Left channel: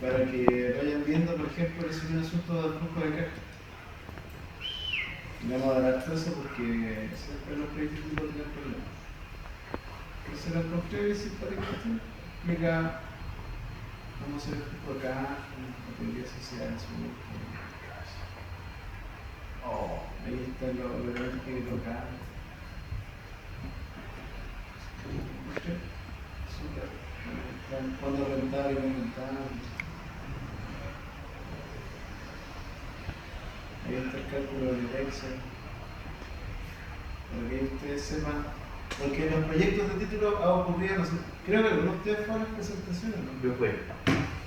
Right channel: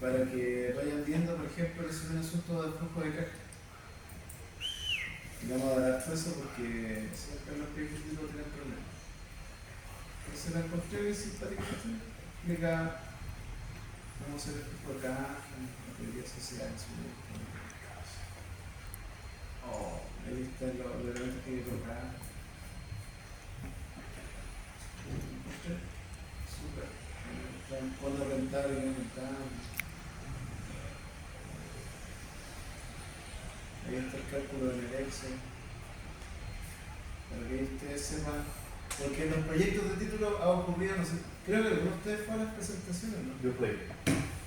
para que vayan viendo, por ejemplo, ese es un asunto del flujo de caja. No vamos a dar eso porque siempre los proyectos tienen problemas. Entonces la encontré simpática, explica cómo se ve el flujo de caja, la teoría social, su ahí está lo que tocar. Cuando rentable y no rentable. Ahí está el cálculo del Excel. Para que ustedes sepan, porque en los proyectos de título ha ocurrido, no sé, creo que algunos de ustedes fueron las presentaciones, ¿no? Yo fui.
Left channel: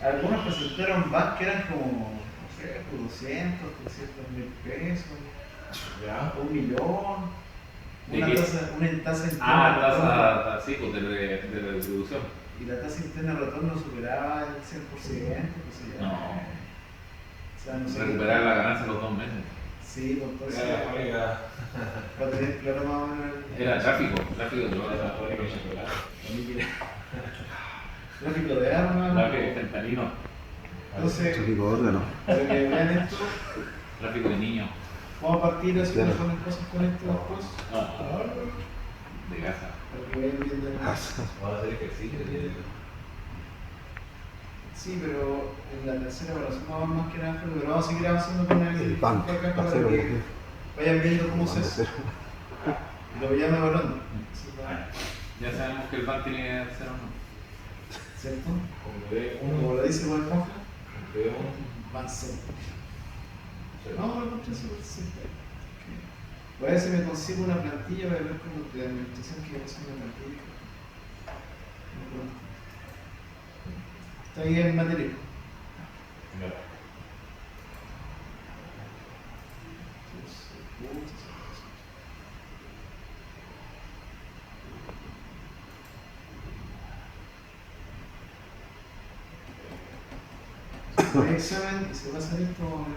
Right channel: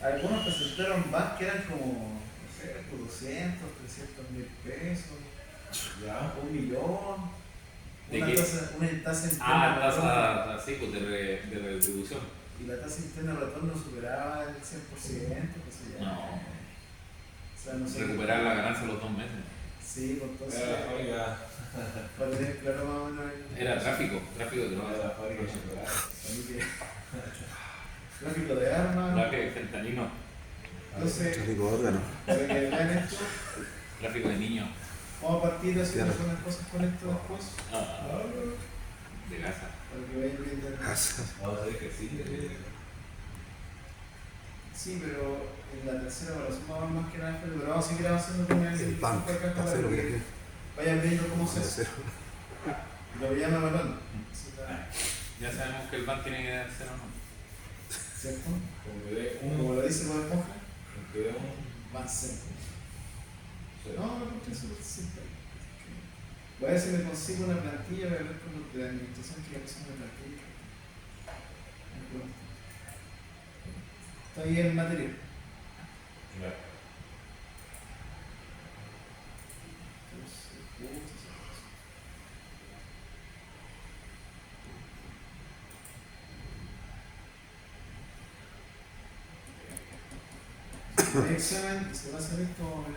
Algunos presentaron más que eran como, no sé, 200, 300 mil pesos, ¿Ya? 1 millón, ¿De una qué? tasa interna. Tasa así, pues de retribución. Y la tasa interna de retorno superaba el 100%, qué sé yo. No. O sea, no sé. Recuperar la ganancia los 2 meses. Sí, pues entonces. Era la fónica. Para tener claro más o menos. Era tráfico de Era drogas. la fónica de chocolate. Tráfico de armas. Tráfico de fentanilo. Entonces, Tráfico de órgano. para que vean esto, Tráfico de niños. vamos a partir de Claro. poner cosas con esto después. De casa. Para que vayan viendo la. Vamos a hacer ejercicio. Sí, pero en la tercera evaluación vamos más que nada, pero vamos a seguir avanzando con El banco, está cero, para mira que aquí. vayan viendo cómo se hace. Cero. Y lo vayan evaluando. Ya sabemos que el ban tiene que hacer uno. ¿Cierto? Como Como lo dice Bob Esponja, uno. más simple. No, me encontré súper simple. Voy a ver si me consigo una plantilla para ver cómo de administración que es una plantilla. Estoy en materia. Hay examen y se va a salir todo el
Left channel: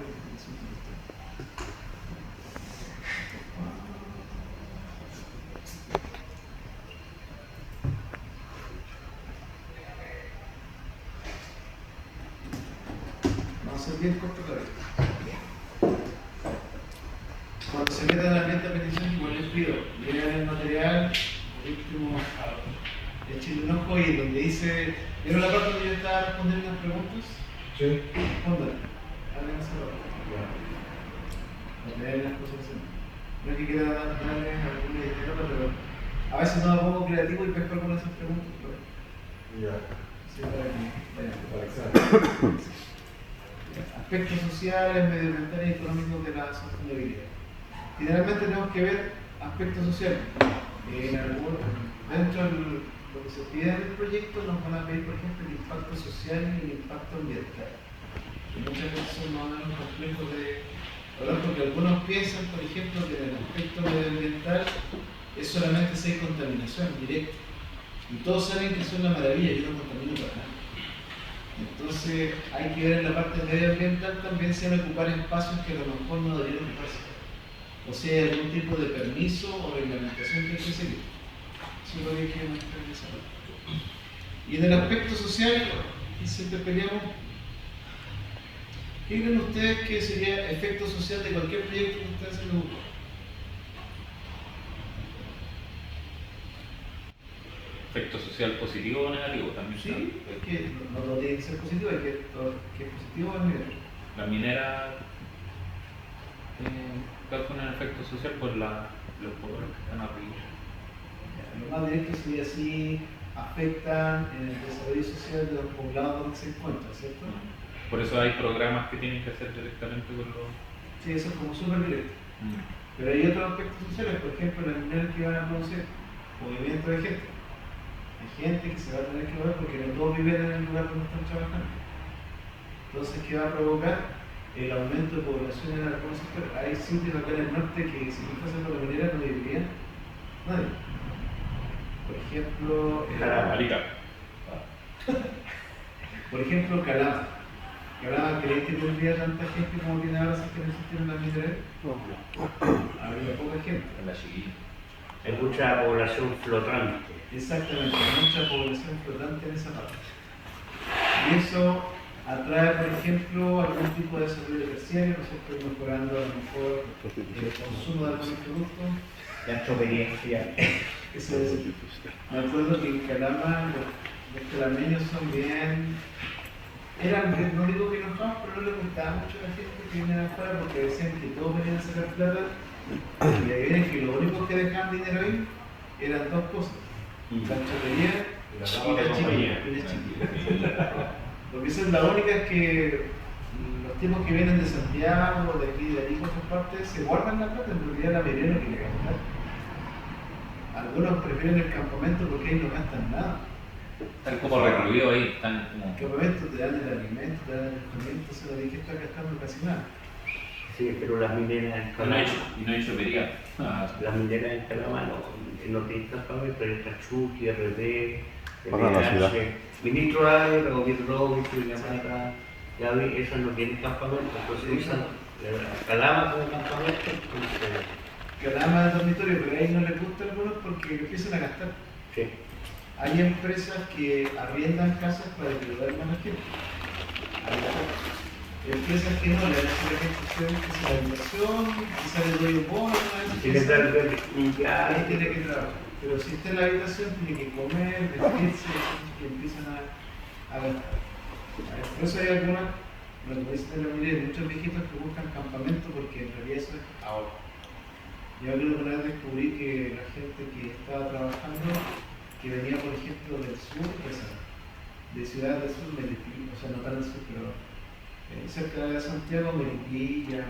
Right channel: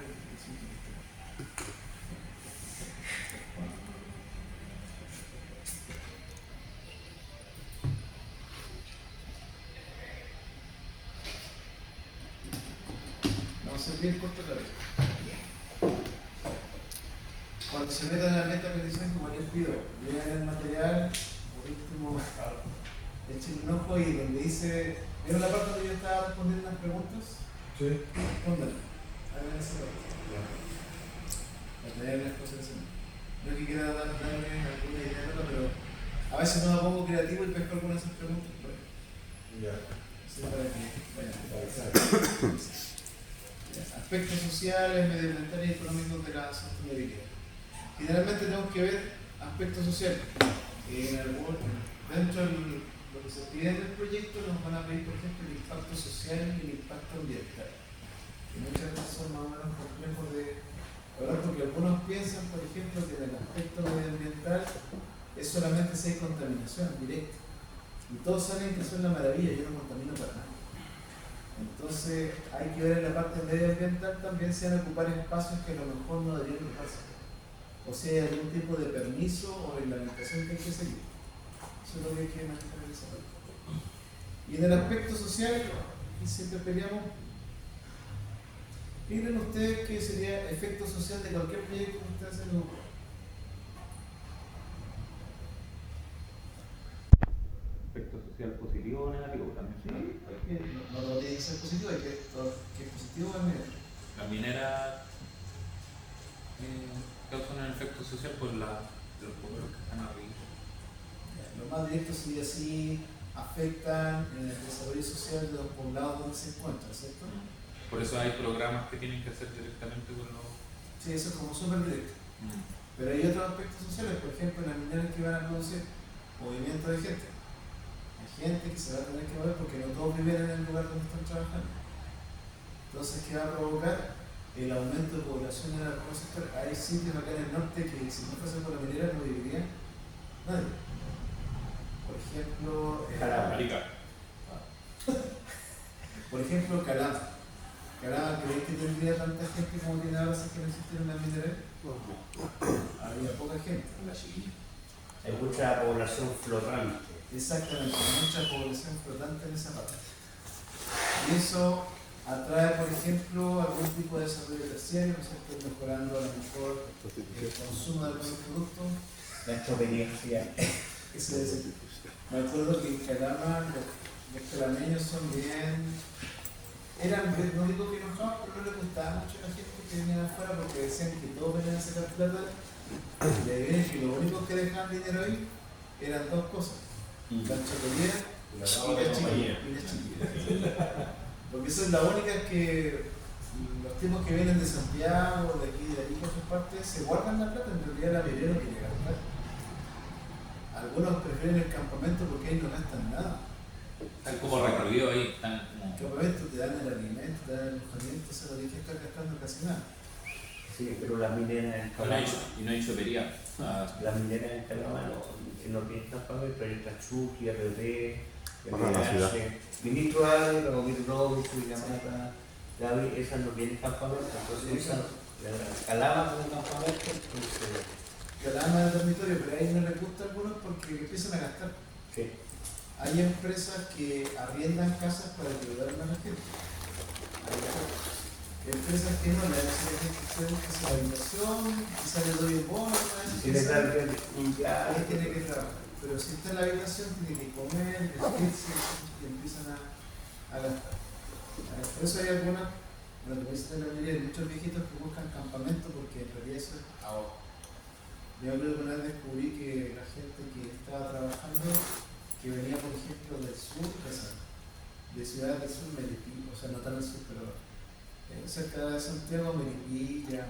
vamos a ser bien corto para esto. Cuando se mete en el ambiente de petición, igual les pido, lean el material, último, echen un ojo y donde dice, ¿vieron la parte donde yo estaba respondiendo las preguntas? Sí. Respondan. Hagan esa parte. Para tener las cosas en no es que quiera darles alguna idea de otra, pero a veces no me pongo creativo y pesco algunas de esas preguntas. Pero Ya. sí, para que vayan. Para examen. Aspectos sociales, medioambientales y económicos de la sostenibilidad. Generalmente tenemos que ver aspectos sociales. Dentro de lo que se pide en el proyecto nos van a pedir, por ejemplo, el impacto social y el impacto ambiental. Y muchas veces son más o menos complejos de hablar porque algunos piensan, por ejemplo, que en el aspecto medioambiental es solamente si hay contaminación directa. Y todos saben que eso es una maravilla, yo no contamino para nada. Entonces hay que ver en la parte medioambiental también se van a ocupar espacios que a lo mejor no deberían ocuparse. O sea, hay algún tipo de permiso o reglamentación que hay que seguir. Eso es lo que hay que mostrar en esa parte. Y en el aspecto social, y siempre peleamos, ¿qué creen ustedes que sería efecto social de cualquier proyecto que ustedes hacen en grupo? Efecto social positivo o negativo también. Sí, es que no tiene que ser positivo, hay que es positivo o negativo. La minera causan un efecto social por los poderes que están arriba. Lo más directo sería si afectan en el desarrollo social de los poblados donde se encuentran, ¿cierto? Por eso hay programas que tienen que hacer directamente con los. Sí, eso es como súper directo. Pero hay otros aspectos sociales, por ejemplo, las mineras que van a producir movimiento de gente. Hay gente que se va a tener que mover porque no todos viven en el lugar donde están trabajando. Entonces, ¿qué va a provocar? El aumento de población en algunos sectores. Hay sitios acá en el norte que si no fuese por la minera no viviría nadie. Por ejemplo, Arica. por ejemplo, Calama. Calama, ¿crees que tendría tanta gente como tiene ahora si que no existieran las mineras? Habría poca gente. En la chiquilla. Hay mucha población flotante. Exactamente, hay mucha población flotante en esa parte. Y eso atrae trae, por ejemplo, algún tipo de desarrollo terciario, ¿no es cierto? Mejorando a lo mejor el consumo de algunos productos. La experiencia. Eso es. Me acuerdo que en Calama los calameños son bien. No digo que enojados, pero no les gustaba mucho a la gente que viene de afuera porque decían que todos venían a sacar plata y le vienen que lo único que dejaban dinero ahí eran dos cosas: la chopería y la chiquilla. Porque esa es la única que los tipos que vienen de Santiago, de aquí, de allí, por sus partes, se guardan la plata, en realidad la mayoría no quiere gastar. Algunos prefieren el campamento porque ahí no gastan nada. Están como recluidos ahí, están como. El campamento te dan el alimento, te dan el alojamiento, se lo dije, está gastando casi nada. Sí, pero las mineras en Y no hay chopería. Las mineras en Calama no tienen campamento, pero está Chucky, RD, Pagan la ciudad. Ministro Ávila, Gobierno Yamata, Gaby, esas no tienen campamento, entonces usan Calama como campamento. Calama es dormitorio, pero a ellos no les gusta a algunos porque empiezan a gastar. Sí. Hay empresas que arriendan casas para ayudar a la gente. Hay empresas que no le hacen la gente que se la inversión, quizás le doy un bono, Tiene que limpiar. ahí tiene que trabajar. Pero si está en la habitación, tiene que comer, vestirse, y empiezan a gastar. Por eso hay algunas, lo que dice de la mayoría, muchos viejitos que buscan campamento porque en realidad eso es ahora. Yo creo que una vez descubrí que la gente que estaba trabajando, que venía por ejemplo del sur, de Ciudad del Sur, Melipilla, o sea, no tan del sur, pero cerca de Santiago, Melipilla,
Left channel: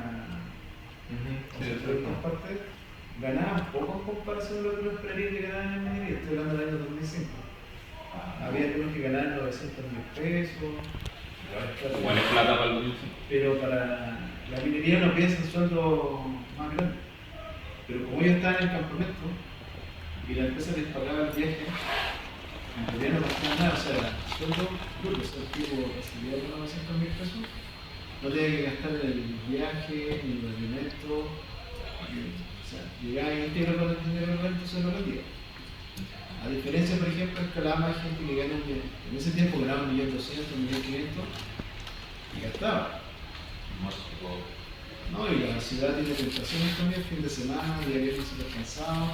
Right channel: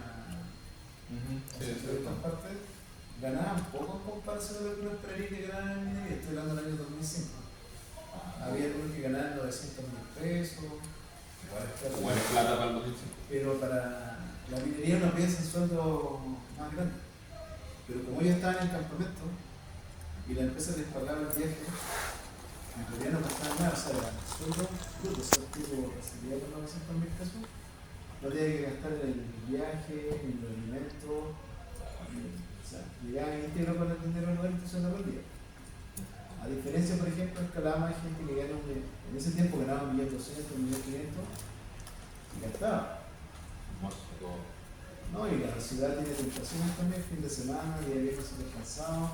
otras partes, ganaban poco en comparación a lo que uno esperaría que ganaban en minería. Estoy hablando del año 2005. Había algunos que ganaban 900.000 pesos. Igual es plata para el 2005. Pero para la minería no piensa en sueldo más grande. Pero como ellos estaban en el campamento y la empresa les pagaba el viaje, en realidad no gastaban nada. O sea, sueldo, porque si el tipo recibía 900.000 pesos, no tenía que gastar en el viaje, ni en el alimento. O sea, llegaba íntegro con el dinero del rento, se lo rendía. A diferencia, por ejemplo, en Calama hay gente que gana en ese tiempo ganaba 1.200.000, 1.500.000 y gastaba. No, y la ciudad tiene tentaciones también, fin de semana, día viernes súper cansado.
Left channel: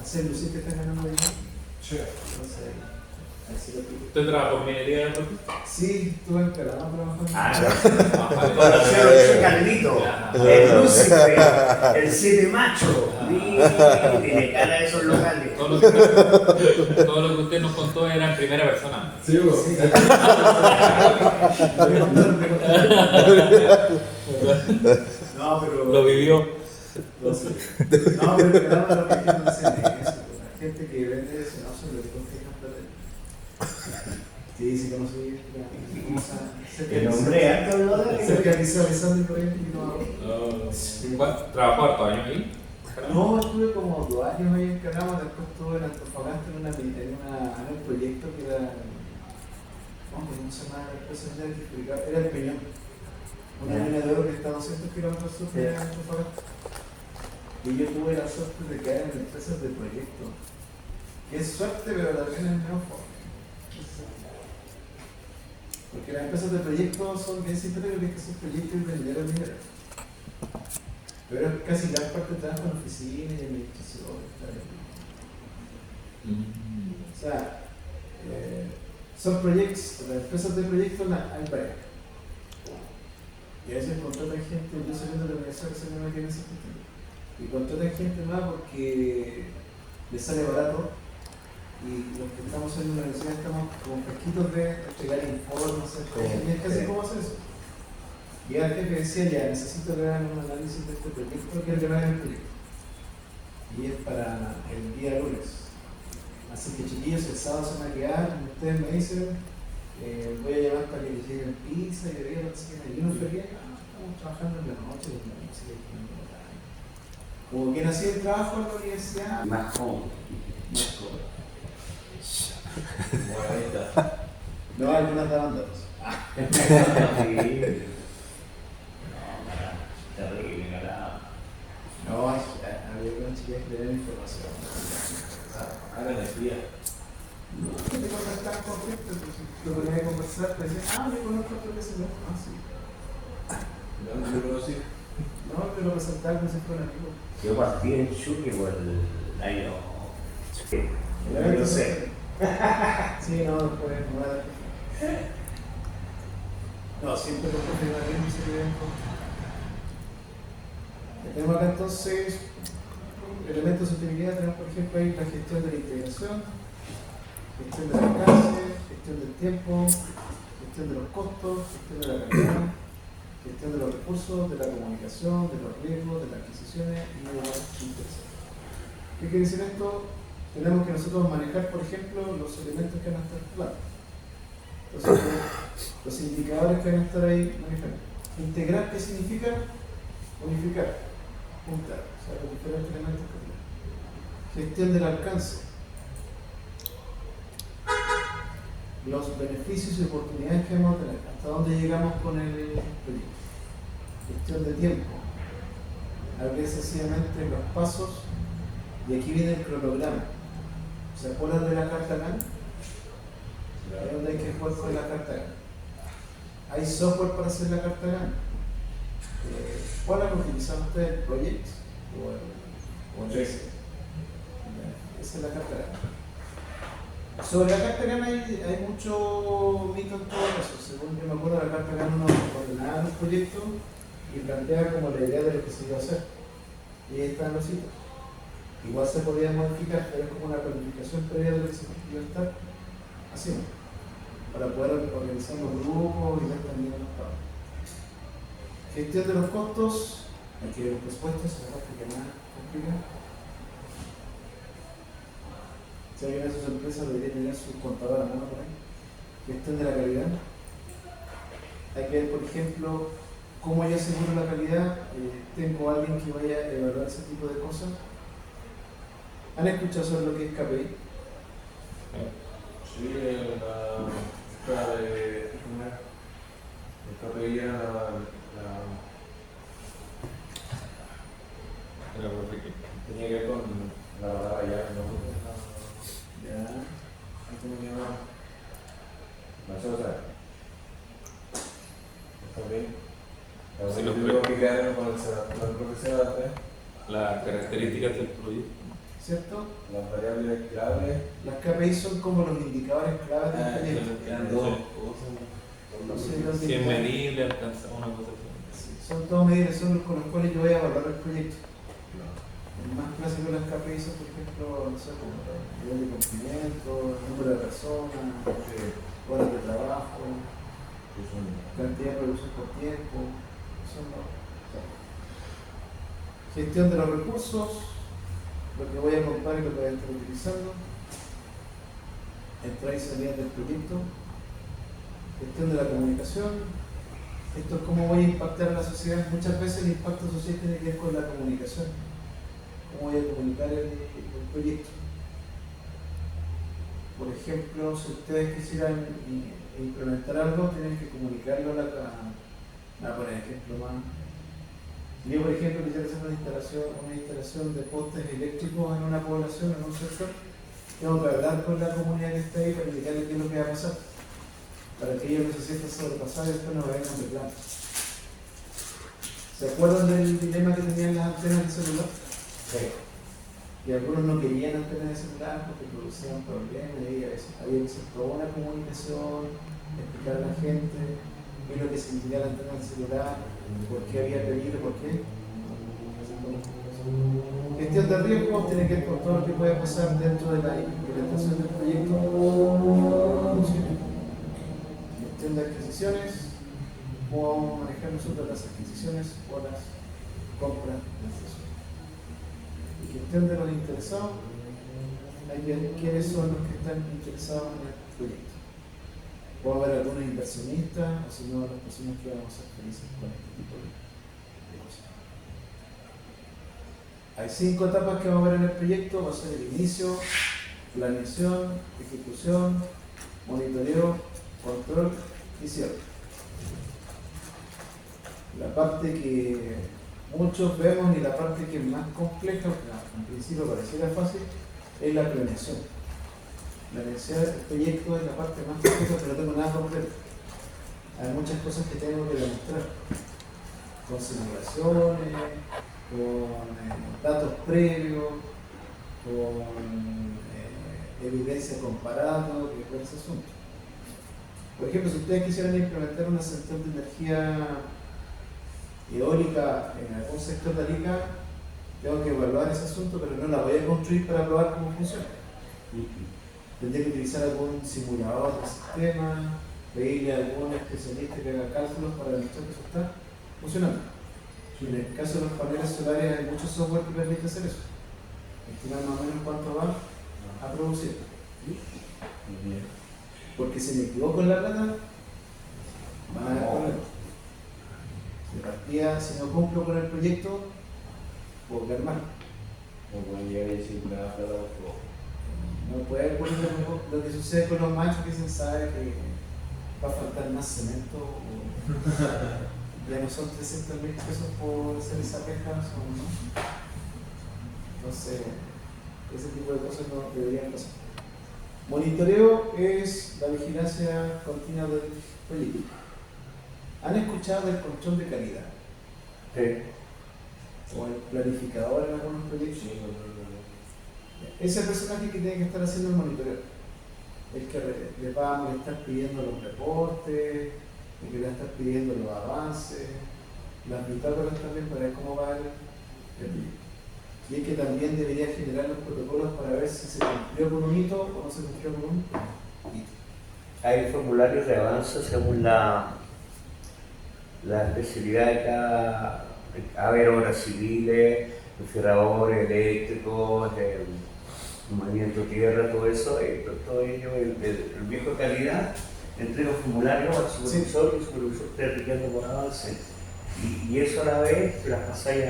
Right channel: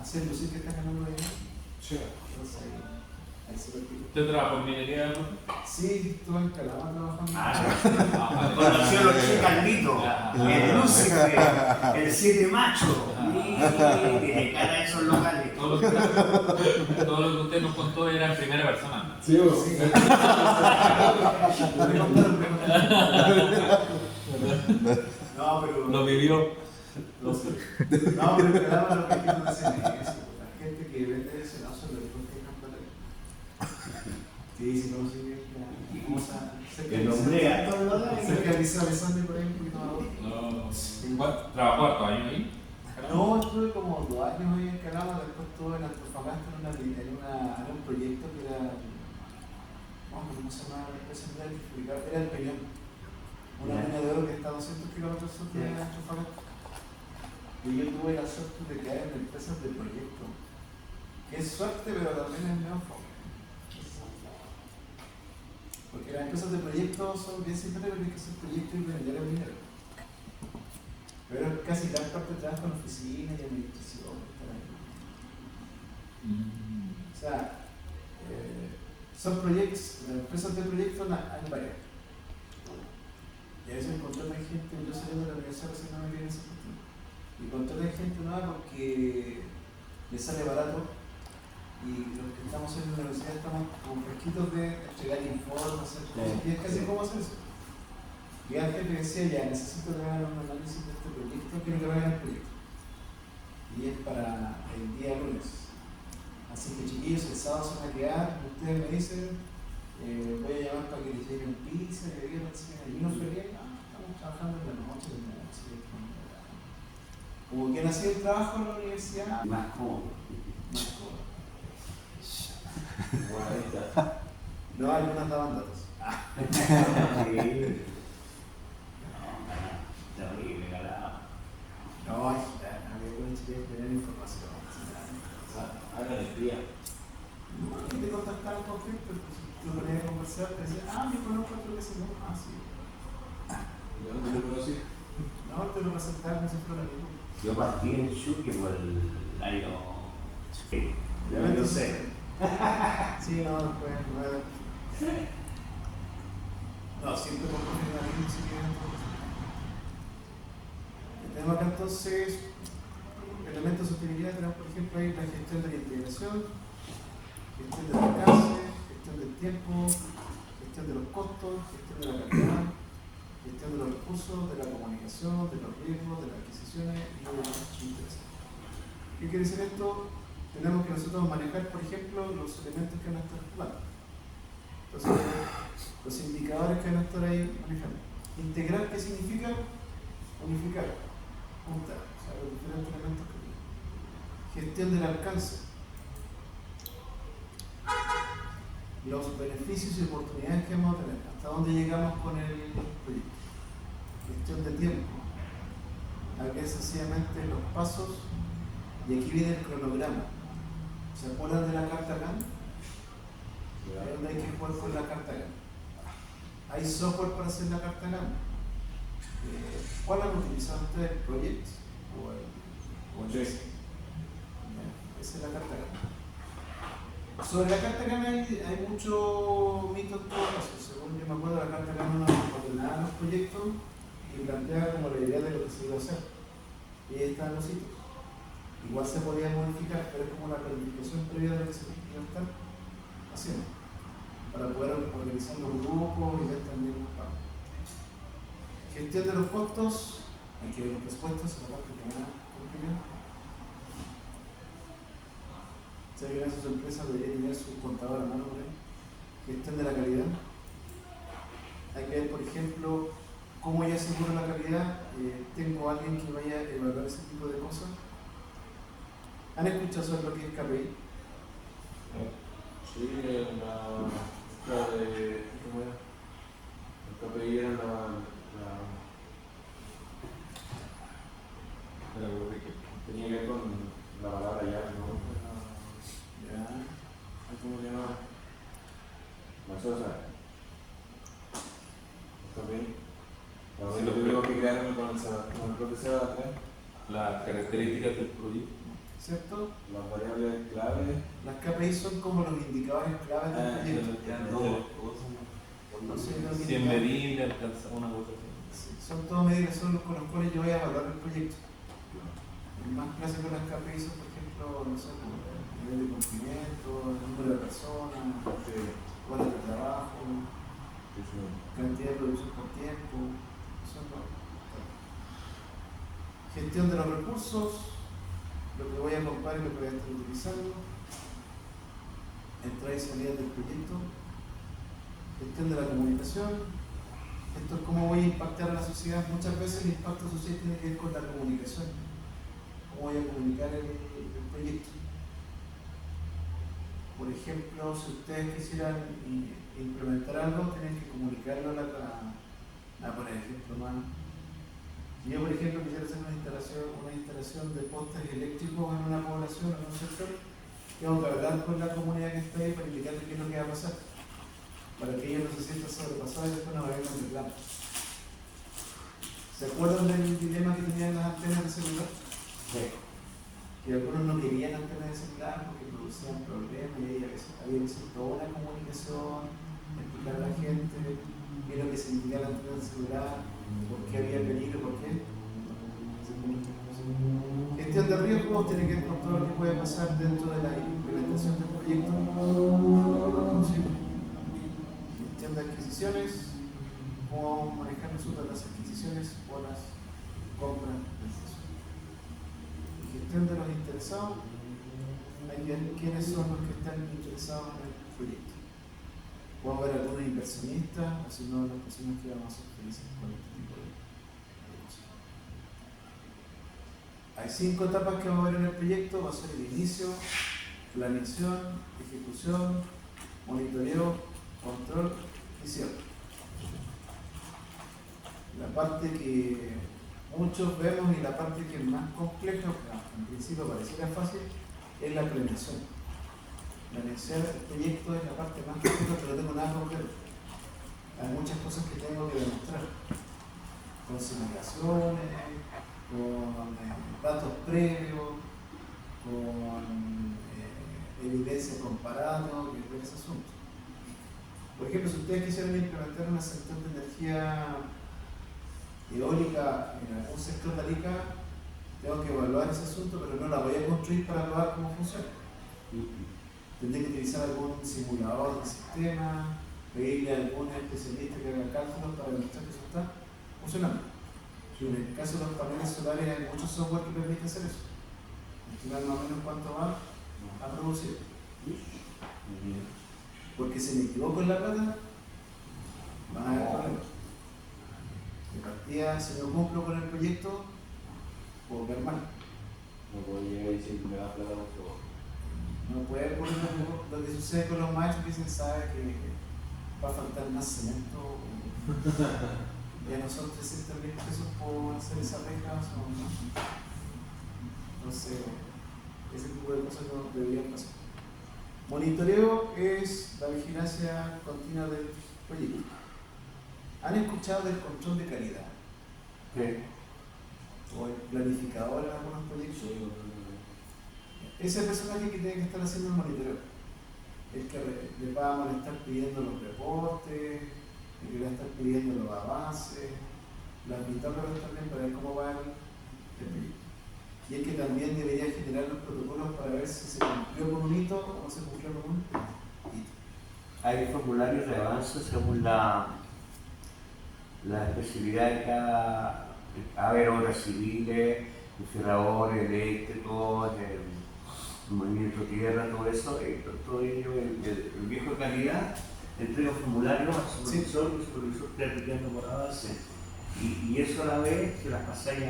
Hacer lucir que están ganando dinero. Sí. Entonces, ahí se lo pido. ¿Usted trabaja por minería en el puerto? Sí, estuve en Calama trabajando. Conoció lo que Carlito, el Lucifer, el Siete Macho. Tiene cara de esos locales. Todo lo que usted nos contó era en primera persona. Sí, Sí. No, pero. Lo vivió. No, pero en Calama lo que quiero decir es eso. La gente que vende ese no son los que confían plata. Sí, sí, conocí. ¿Cómo se El hombre alto lo de cerca de Liceo por ahí un poquito más abajo. ¿Trabajó hartos años ahí? No, estuve como 2 años ahí en Calama, después estuve en Antofagasta en un proyecto que era, ¿cómo se llama? Era el Peñón, una mina de oro que está a 200 kilómetros sur de Antofagasta. Y yo tuve la suerte de caer en empresas de proyecto, que es suerte, pero también es medio fuerte. Porque las empresas de proyecto son bien simples, porque es que son proyectos y vender mineros. Pero es casi gran parte de trabajo en oficina y administración. O sea, son proyectos, las empresas de proyectos hay varias. Y a veces contratan gente, yo saliendo de la universidad recientemente en ese sentido. Y contratan gente nueva porque les sale barato. Y los que estamos en la universidad estamos como fresquitos de entregar informes, y es casi como hacer eso. Y el jefe decía, ya, necesito que hagan un análisis de este proyecto, quiero que me hagan el proyecto. Y es para el día lunes. Así que chiquillos, el sábado se van a quedar, como ustedes me dicen, voy a llamar para que les lleguen pizza, y de y uno fue estamos trabajando en la noche, como quien hacía el trabajo en la universidad, más cómodo. más cómodo. Buena. No, algunas daban datos. Terrible, carajo. No, había una chica que tenía información. Háganle fría. No, que te contactaban con gente, entonces. Yo te ponías a conversar, te decían, yo conozco a otro que se llama, sí. ¿Dónde lo conocí? No, te lo presentaba como si fuera un amigo. Yo partí en Chucky por el año. No sé. Sí, no, después no era. No, siempre por profesionalismo ese evento. Tenemos acá entonces elementos de sostenibilidad, tenemos por ejemplo ahí la gestión de la integración, gestión del alcance, gestión del tiempo, gestión de los costos, gestión de la calidad, gestión de los recursos, de la comunicación, de los riesgos, de las adquisiciones y de los intereses. ¿Qué quiere decir esto? Tenemos que nosotros manejar, por ejemplo, los elementos que van a estar claros. Entonces, los indicadores que van a estar ahí manejando. Integrar, ¿qué significa? Unificar, juntar, o sea, los diferentes elementos que tienen. Gestión del alcance. Los beneficios y oportunidades que vamos a tener, hasta dónde llegamos con el proyecto. Gestión de tiempo. Aquí sencillamente los pasos, y aquí viene el cronograma. ¿Se acuerdan de la carta GAN? Ahí donde hay que jugar con la carta GAN. Hay software para hacer la carta GAN. ¿Cuál han utilizado ustedes? ¿Project? ¿O el Esa es la carta GAN. Sobre la carta GAN hay mucho mito en todo eso. Según yo me acuerdo, la carta GAN uno ordenaba los proyectos y plantea como la idea de lo que se iba a hacer. Y ahí están los hitos. Igual se podía modificar, pero es como una planificación previa de lo que se iba a estar haciendo, para poder organizar los grupos y ver también los pagos. Gestión de los costos, hay que ver los presupuestos, es la parte que más complica. Si alguien de sus empresas debería tener su contador a mano por ahí. Gestión de la calidad. Hay que ver, por ejemplo, cómo yo aseguro la calidad. Tengo a alguien que vaya a evaluar ese tipo de cosas. ¿Han escuchado sobre lo que es KPI? Sí, la de. ¿Cómo era? El KPI era tenía que ver con la palabra llave, ¿no? Ya. ¿Cómo se llama? No sé, o sea. ¿Está bien? Sí, Lo lo tengo creo. que quedarme con el profesor, Las características del proyecto. ¿Cierto? las variables clave. Las KPI son como los indicadores claves del proyecto. Quedan dos cosas. No sé, los Si es indicadores. medible, alcanza una cosa así. Sí, son todos medidas, son los con los cuales yo voy a evaluar el proyecto. El más clásico de las KPI son, por ejemplo, no sé, como el nivel de cumplimiento, el número de personas, horas de trabajo, cantidad de producción por tiempo. Son los. Gestión de los recursos, lo que voy a comprar y lo que voy a estar utilizando. Entrada y salida del proyecto. Gestión de la comunicación. Esto es cómo voy a impactar a la sociedad. Muchas veces el impacto social tiene que ver con la comunicación. Cómo voy a comunicar el proyecto. Por ejemplo, si ustedes quisieran implementar algo, tienen que comunicarlo por ejemplo, más. Si yo, por ejemplo, quisiera hacer una instalación de postes eléctricos en una población, en un sector, tengo que hablar con la comunidad que está ahí para indicarle qué es lo que va a pasar, para que ellos no se sientan sobrepasados y después no vayan con reclamo. ¿Se acuerdan del dilema que tenían las antenas de celular? Sí. Y algunos no querían antenas de celular porque producían problemas y ahí había que hacer toda una comunicación, explicar a la gente qué es lo que significa la antena de celular, por qué había peligro, por qué. Gestión de riesgos tiene que ver con todo lo que puede pasar dentro de la implementación del proyecto. Gestión de adquisiciones, cómo vamos a manejar nosotros las adquisiciones o las compras de acceso. Y gestión de los interesados, hay que ver quiénes son los que están interesados en el proyecto. Puede haber algunos inversionistas o si no, las personas que vamos a ser felices con este tipo de cosas. Hay 5 etapas que vamos a ver en el proyecto: va a ser el inicio, planeación, ejecución, monitoreo, control y cierre. La parte que muchos vemos y la parte que es más compleja, en principio pareciera fácil, es la planeación. la elección del proyecto es la parte más compleja, pero no tengo nada completo. Hay muchas cosas que tengo que demostrar, con simulaciones, con datos previos, con evidencia comparada, que fue ese asunto. Por ejemplo, si ustedes quisieran implementar una central de energía eólica en algún sector de Arica, tengo que evaluar ese asunto, pero no la voy a construir para probar cómo funciona. Tendré que utilizar algún simulador de sistema, pedirle a algún especialista que haga cálculos para demostrar que eso está funcionando. Y en el caso de los paneles solares hay muchos software que permite hacer eso. Estimar más o menos cuánto va a producir. Porque si me equivoco en la plata, van a haber problemas. De partida, si no cumplo con el proyecto, puedo quedar mal. No puede ocurrir lo que sucede con los machos que se sabe que va a faltar más cemento. Ya no son 300.000 pesos por hacer esa reja, son más. Entonces, ese tipo de cosas no deberían pasar. Monitoreo es la vigilancia continua del proyecto. ¿Han escuchado del control de calidad? Sí. O el planificador en algunos proyectos. Sí, Ese personaje que tiene que estar haciendo el monitoreo, el que le va a estar pidiendo los reportes, el que le va a estar pidiendo los avances, las bitácoras también para ver cómo va el proyecto. Y el que también debería generar los protocolos para ver si se cumplió con un hito o no se cumplió con un hito. Hay formularios de avance según la especialidad de cada. A ver, obras civiles, refrigeradores, eléctricos, movimiento de tierra, todo eso, todo ello, el viejo de calidad, entrega formularios al supervisor y el supervisor está requiriendo por avance. Y eso a la vez se las pasáis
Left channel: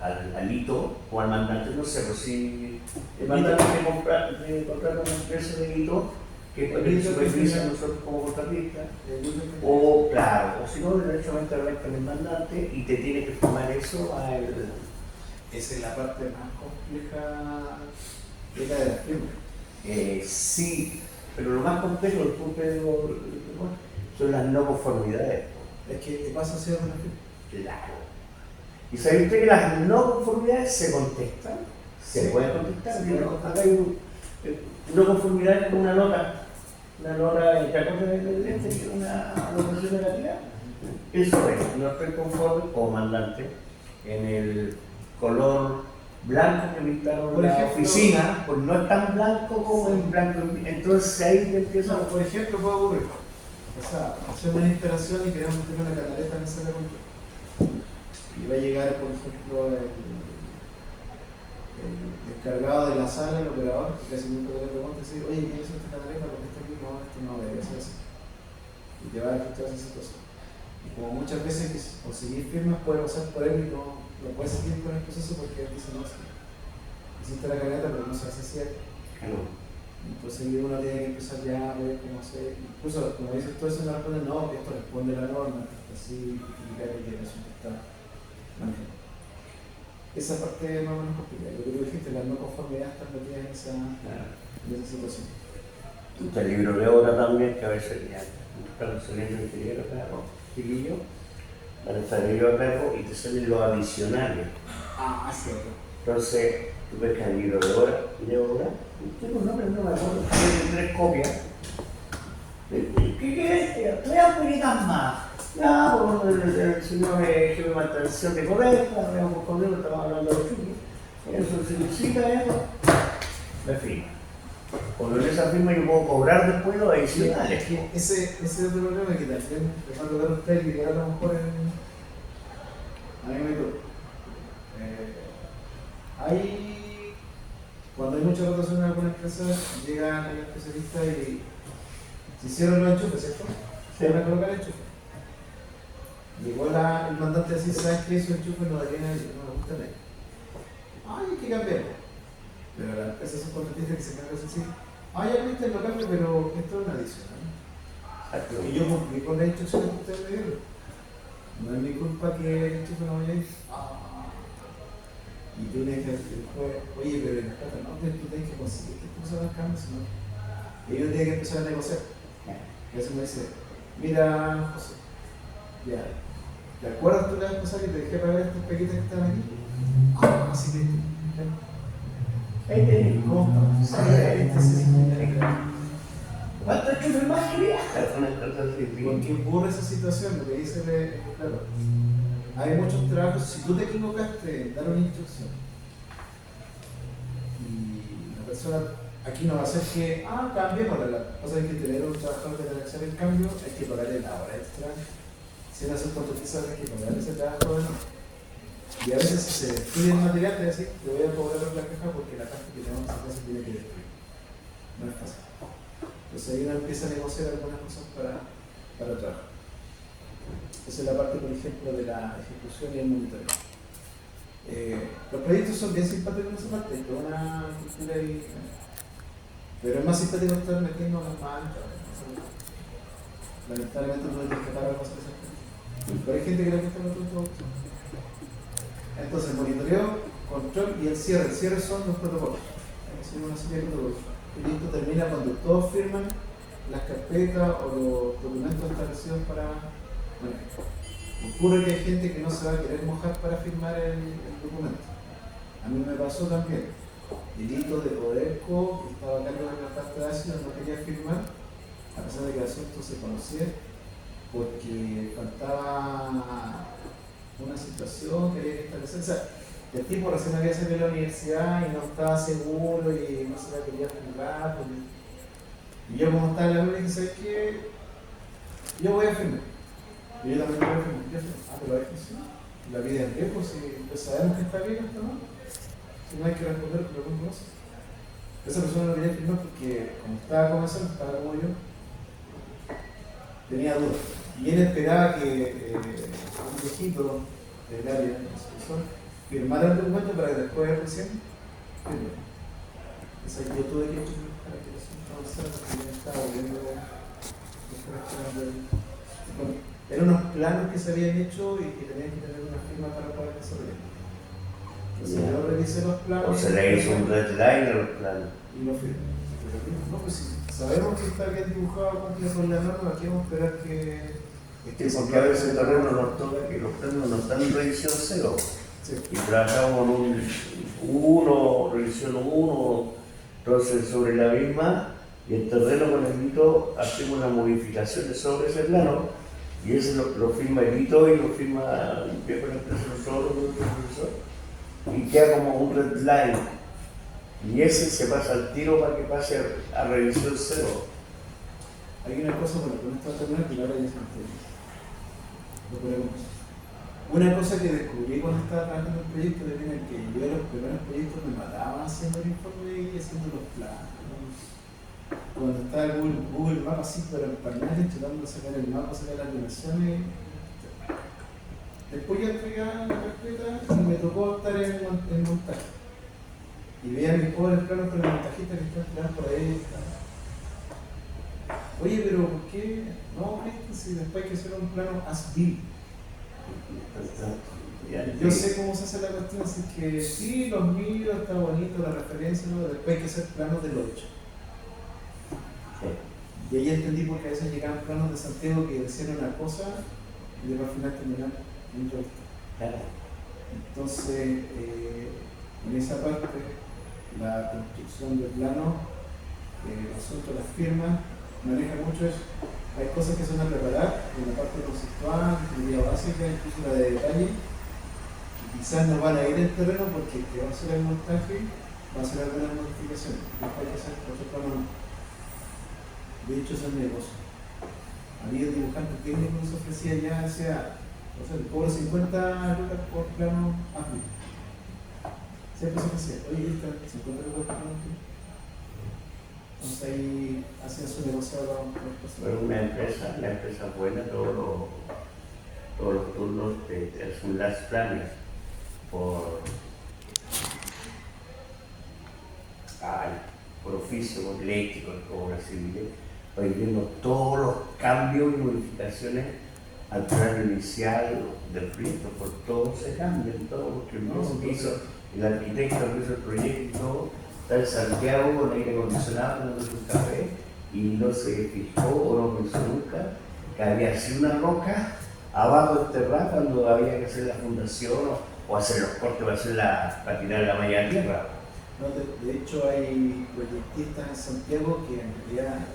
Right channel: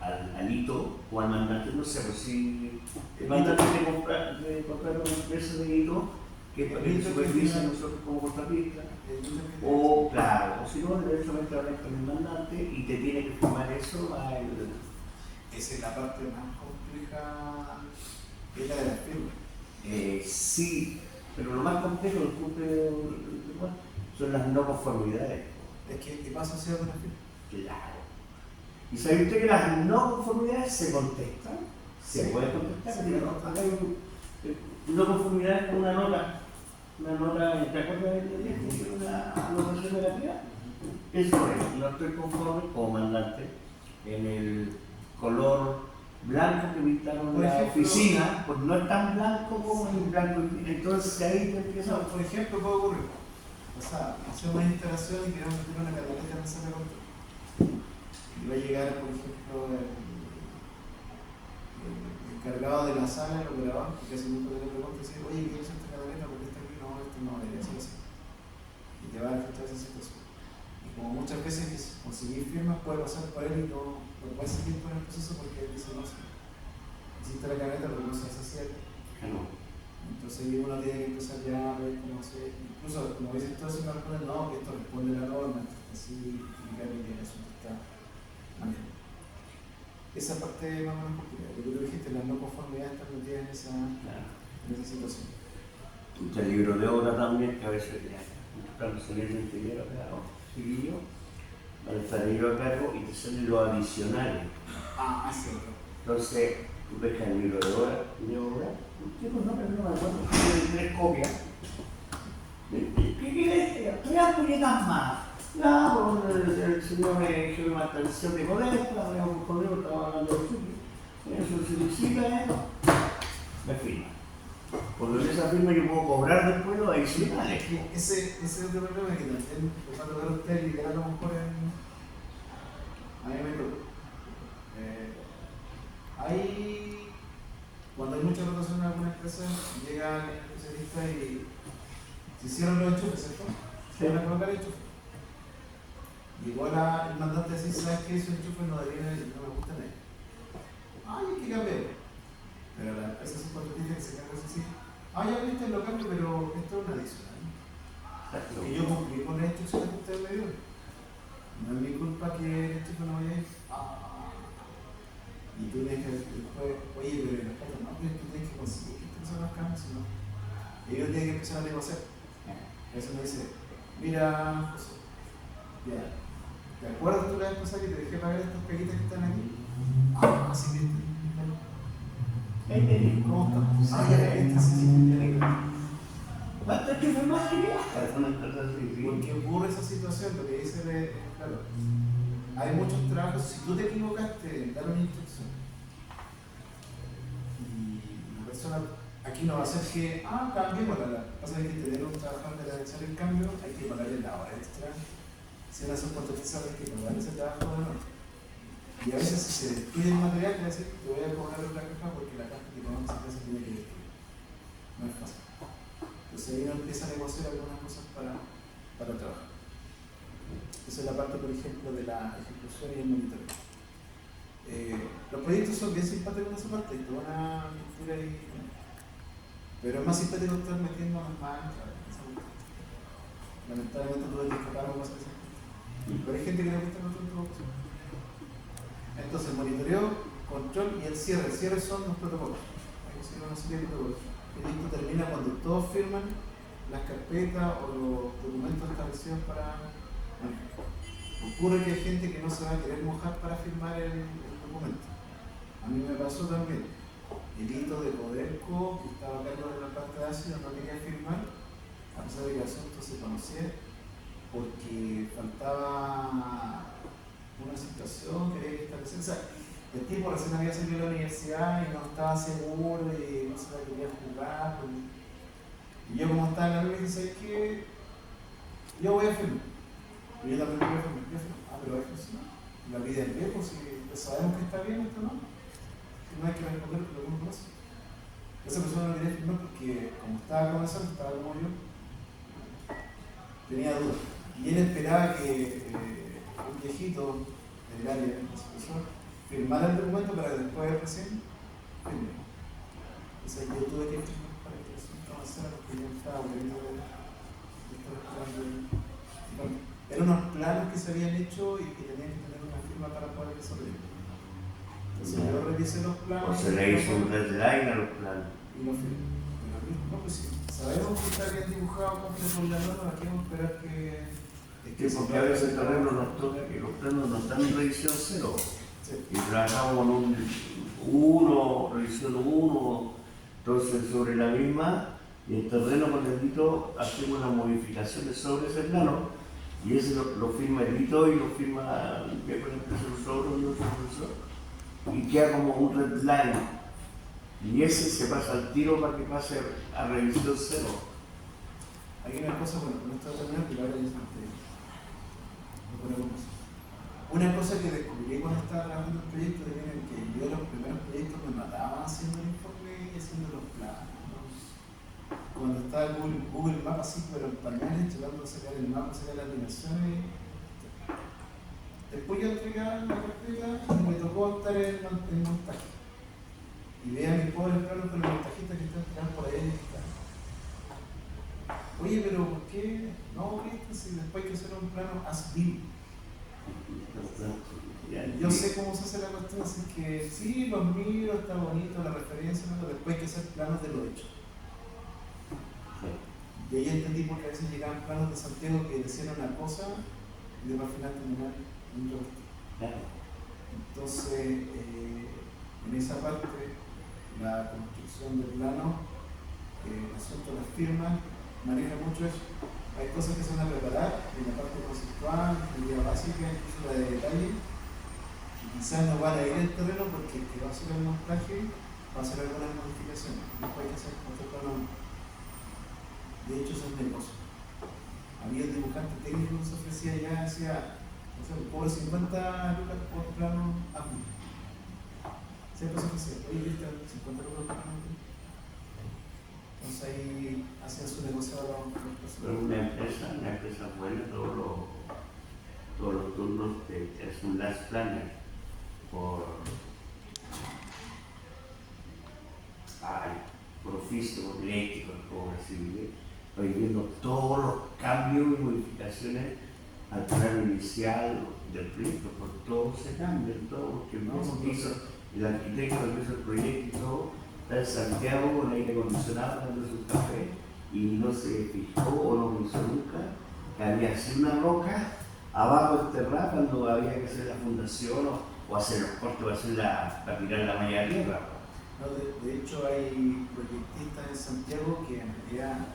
al hito o al mandante, no sé, pues si el mandante de comprar una empresa de hito, que es para que supervisa nosotros como contratistas, o claro, o si no, derechamente hablar con el mandante y te tiene que firmar eso a el. Esa es la parte más compleja de la de las firmas. Sí, pero lo más complejo, disculpe, son las no conformidades. Es que, ¿qué pasa si hago una firma? Claro. ¿Y sabe usted que las no conformidades se contestan? Se Sí. puede contestar. Sí, ¿No? Hay no conformidad con una nota en que una anotación negativa. Eso es, no estoy conforme como mandante en el color blanco que pintaron Por la ejemplo, oficina, pues no es tan blanco como en blanco. Entonces ahí te empieza. No, por ejemplo, puede ocurrir. O sea, hacemos una instalación y queremos meter una canaleta en la sala de control. Y va a llegar, por ejemplo, el encargado de la sala, el operador, que casi nunca le pregunta, decir, oye, ¿quién es esta canaleta? Porque está aquí, no, esto no debería ser así. Y te va a registrar esa situación. Y como muchas veces conseguir firmas puede pasar por él y no puede seguir con el proceso porque él dice, no sé, hiciste la canaleta, pero no se hace así. Claro. Entonces uno tiene que empezar ya a ver cómo hacer. Incluso, como dices tú, eso no responde, no, esto responde a la norma, así, justificar que el asunto está manejado. Esa parte es más o menos complicada. Yo creo que dijiste, la no conformidad está metida en esa situación. Está el libro de obra también, que a veces ya están subiendo el ingeniero, claro, chiquillo, van a estar ellos a cargo y te salen los adicionales. Sí, otro. Entonces, tú ves que el libro de obra, tengo un nombre, no me acuerdo, tiene 3 copias. ¿Qué quieres? 3 ampolletas más. Ya, bueno, el señor jefe de mantención de correcta, veamos conmigo, estamos hablando de chupi. Eso se necesita, eso. Me firma. Cuando en esa firma yo puedo cobrar después los adicionales. Es que ese es otro problema que también te va a tocar a usted y que a lo mejor a mí me toca. Cuando hay mucha rotación en alguna empresa, llegan el especialista y se hicieron los enchufes, ¿cierto? Se van a colocar el enchufe. Llegó el mandante así, ¿sabes qué? Esos enchufes no deberían, no me gustan a ellos. Hay que cambiarlo. Pero la empresa subcontratista que se encarga de decir, ya viste lo cambio, pero esto es una adicional. Y yo cumplí con la instrucción que usted me dio. No es mi culpa que el enchufe no vaya a ir. Y tú le dices, oye, pero el experto no, pero tú tienes que conseguir que esto no son los cambios, sino y uno tiene que empezar a negociar. Y eso me dice, mira, José, ya, ¿te acuerdas tú la vez pasada que te dejé pagar estas pequitas que están aquí? Ah, así que, ¿cómo estamos? ¿Cuánto enchufes más querías? Porque ocurre esa situación, lo que dice, claro, hay muchos trabajos, si tú te equivocaste en dar una instrucción y la persona aquí no va a ser que, cambiémosla, la cosa es que tener un trabajador que debe hacer el cambio, hay que pagarle la hora extra, sin hacer contratistas hay que pagarle ese trabajo de nuevo. Y a veces si se pide el material, te decir, le voy a cobrar la caja porque la caja que tenemos acá se tiene que destruir. No es fácil. Entonces ahí uno empieza a negociar algunas cosas para trabajar. Esa es la parte, por ejemplo, de la ejecución y el monitoreo. Los proyectos son bien simpáticos en esa parte, hay toda una cultura ahí, pero es más simpático estar metiendo las manos. Lamentablemente no hay que escapar a cosas de esas cosas. Pero hay gente que le gusta los productos. Entonces, monitoreo, control y el cierre. El cierre son los protocolos. Hay que seguir una serie de protocolos. El proyecto termina cuando todos firman las carpetas o los documentos establecidos para manejar. Ocurre que hay gente que no se va a querer mojar para firmar el documento. A mí me pasó también. Delitos de Codelco, estaba a cargo de la parte de ácido, no quería firmar, a pesar de que el asunto se conocía, porque faltaba una situación que había que establecer. O sea, el tipo recién había salido de la universidad y no estaba seguro y no se la quería firmar. Y yo, como estaba en la universidad, dije, ¿sabes qué? Yo voy a firmar. Y yo también voy a firmar. Yo firmo. Pero hay que funcionar. La vida es riesgo, si pues sabemos que está bien esto, ¿no? Si no hay que responder por lo que uno conoce. Esa persona no quería firmar porque, como estaba comenzando, estaba como yo, tenía dudas. Y él esperaba que un viejito del área, el profesor, firmara el documento para que después recién firme. Entonces yo tuve que firmar para que eso avanzara porque yo estaba volviendo a bueno, eran unos planos que se habían hecho y que tenían que tener una firma para poder desarrollar. Entonces yo revisé los planos. O se le hizo un red line a los planos. Y no firmé. No, pues sí, sabemos que está bien dibujado, cumple con la norma, aquí vamos a esperar que... Porque a veces el terreno nos toca que los planos no están en revisión 0. Sí. Y trabajamos con revisión 1, entonces sobre la misma, y el terreno con el hito hacemos las modificaciones sobre ese plano, y ese lo firma el hito y lo firma el viejo de la empresa nosotros, el profesor, y queda como un red line. Y ese se pasa al tiro para que pase a revisión 0. Hay una cosa, bueno, con esta terminal que la revisión. Una cosa que descubrí cuando estaba trabajando en el proyecto era que yo en los primeros proyectos me mataba haciendo el informe y haciendo los planos. Cuando estaba Google Maps así, pero en pañales, tratando de sacar el mapa, sacar las dimensiones. Después yo entregaba la carpeta y me tocó estar en el montaje. Y veía mis pobres planos con el montajista que están tirados por ahí. Oye, pero ¿por qué? No, si después hay que hacer un plano as-built. Yo sé cómo se hace la cuestión, así que sí, los miro, está bonito la referencia, pero después hay que hacer planos de lo hecho. Y ahí entendí porque a veces llegaban planos de Santiago que decían una cosa y después al final terminaban en otro. Entonces, en esa parte, la construcción del plano, el asunto de las firmas, maneja mucho eso. Hay cosas que se van a preparar en la parte conceptual, ingeniería básica, incluso la de detalle, y quizás no van a ir al terreno porque el que va a hacer el montaje va a hacer algunas modificaciones, después hay que hacer otro plano más. De hecho, eso es el negocio. Había un dibujante técnico que se ofrecía ya, o sea, por 50 lucas por plano amplio. Siempre se ofrecía, oye, ¿viste? 50 lucas por plano amplio. Entonces ahí hacen su negocio con las personas. Pero una empresa buena, todos los turnos hacen las planes por oficio, por eléctrico, por obras civiles, para ir viendo todos los cambios y modificaciones al plano inicial del proyecto, por todo se cambia, todo lo que el arquitecto que hizo el proyecto y todo, está en Santiago con aire acondicionado tomando un café y no se fijó o no lo hizo nunca que había así una roca abajo del terreno cuando había que hacer la fundación o hacer los cortes para tirar la malla de tierra. No, de hecho hay proyectistas en Santiago que en realidad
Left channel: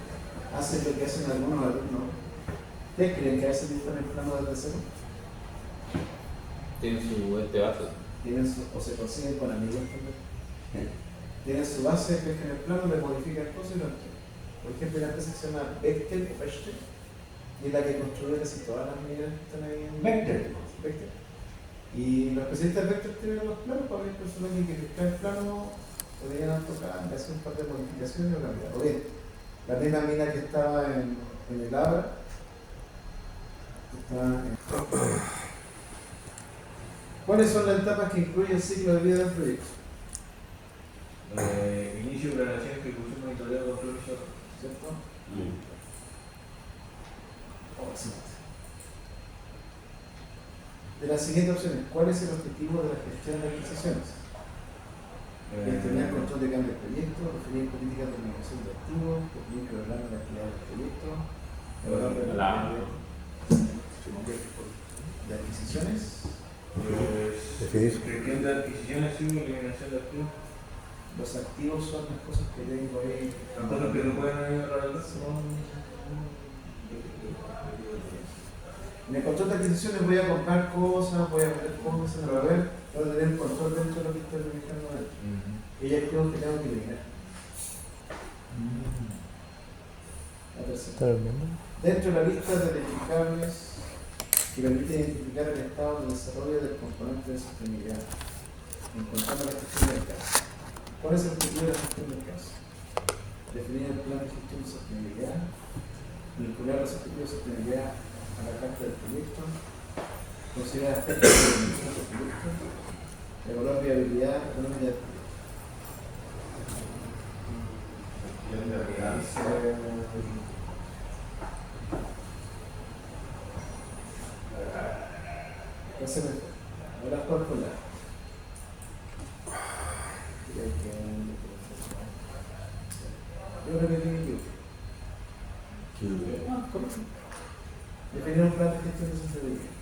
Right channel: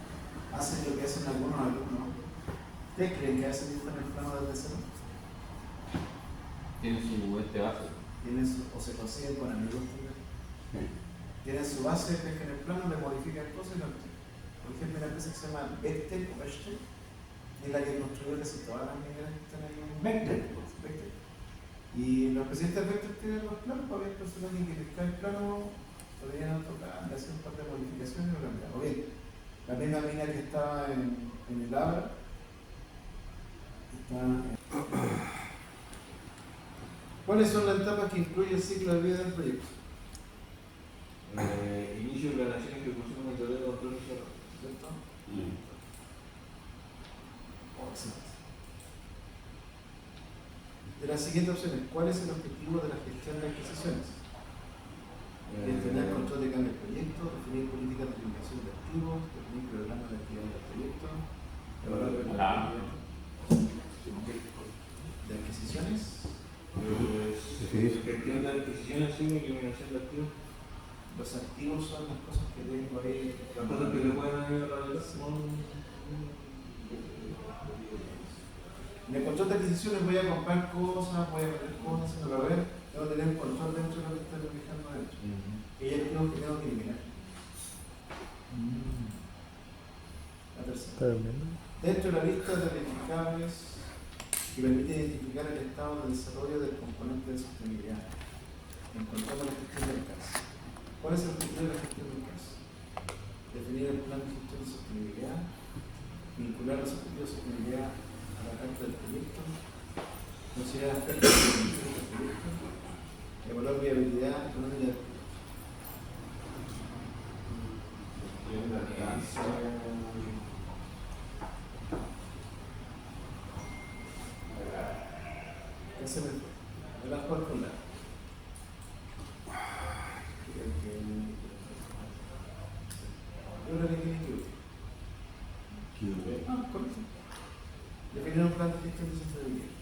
hacen lo que hacen algunos alumnos. ¿Ustedes creen que a veces dibujan el plano desde cero? Tiene su base. O se consiguen con amigos. Tienen su base, pescan el plano, le modifican cosas y lo entregan. Por ejemplo, hay una empresa que se llama Bechtel o Bechtel, es la que construye casi todas las mineras que están ahí en Bechtel. Bechtel. Y los especialistas de Bechtel tienen los planos para ver personas que quieren el plano, podrían AutoCAD, le hacen un par de modificaciones y lo cambian. O bien, la misma mina que estaba en el Abra, ¿cuáles son las etapas que incluye el ciclo de vida del proyecto? Inicio, planeación, ejecución, monitoreo, control y cierre. ¿Cierto? Excelente. De las siguientes opciones, ¿cuál es el objetivo de la gestión de adquisiciones? Gestionar el control de cambio del proyecto, definir políticas de eliminación de activos, definir y programar la actividad del proyecto, evaluar de adquisiciones. Definir. Gestión de adquisiciones y eliminación de activos. Los activos son las cosas que tengo ahí. Las cosas que se pueden realizar. En el control de adquisiciones voy a comprar cosas, voy a ver cosas, voy a ver, voy a tener control dentro de lo que está realizando dentro. Y activos que tengo que eliminar. La tercera. Dentro de la lista de verificables que permite identificar el estado de desarrollo del componente de sostenibilidad, encontramos la gestión del caso. ¿Cuál es el objetivo de la gestión del caso? Definir el plan de gestión de sostenibilidad, vincular los objetivos de sostenibilidad a la carta del proyecto, considerar aspectos de del proyecto, evaluar viabilidad económica del proyecto. Ahora jugar con la. Yo creo que tiene que ir. Definir un plan de gestión de sostenibilidad.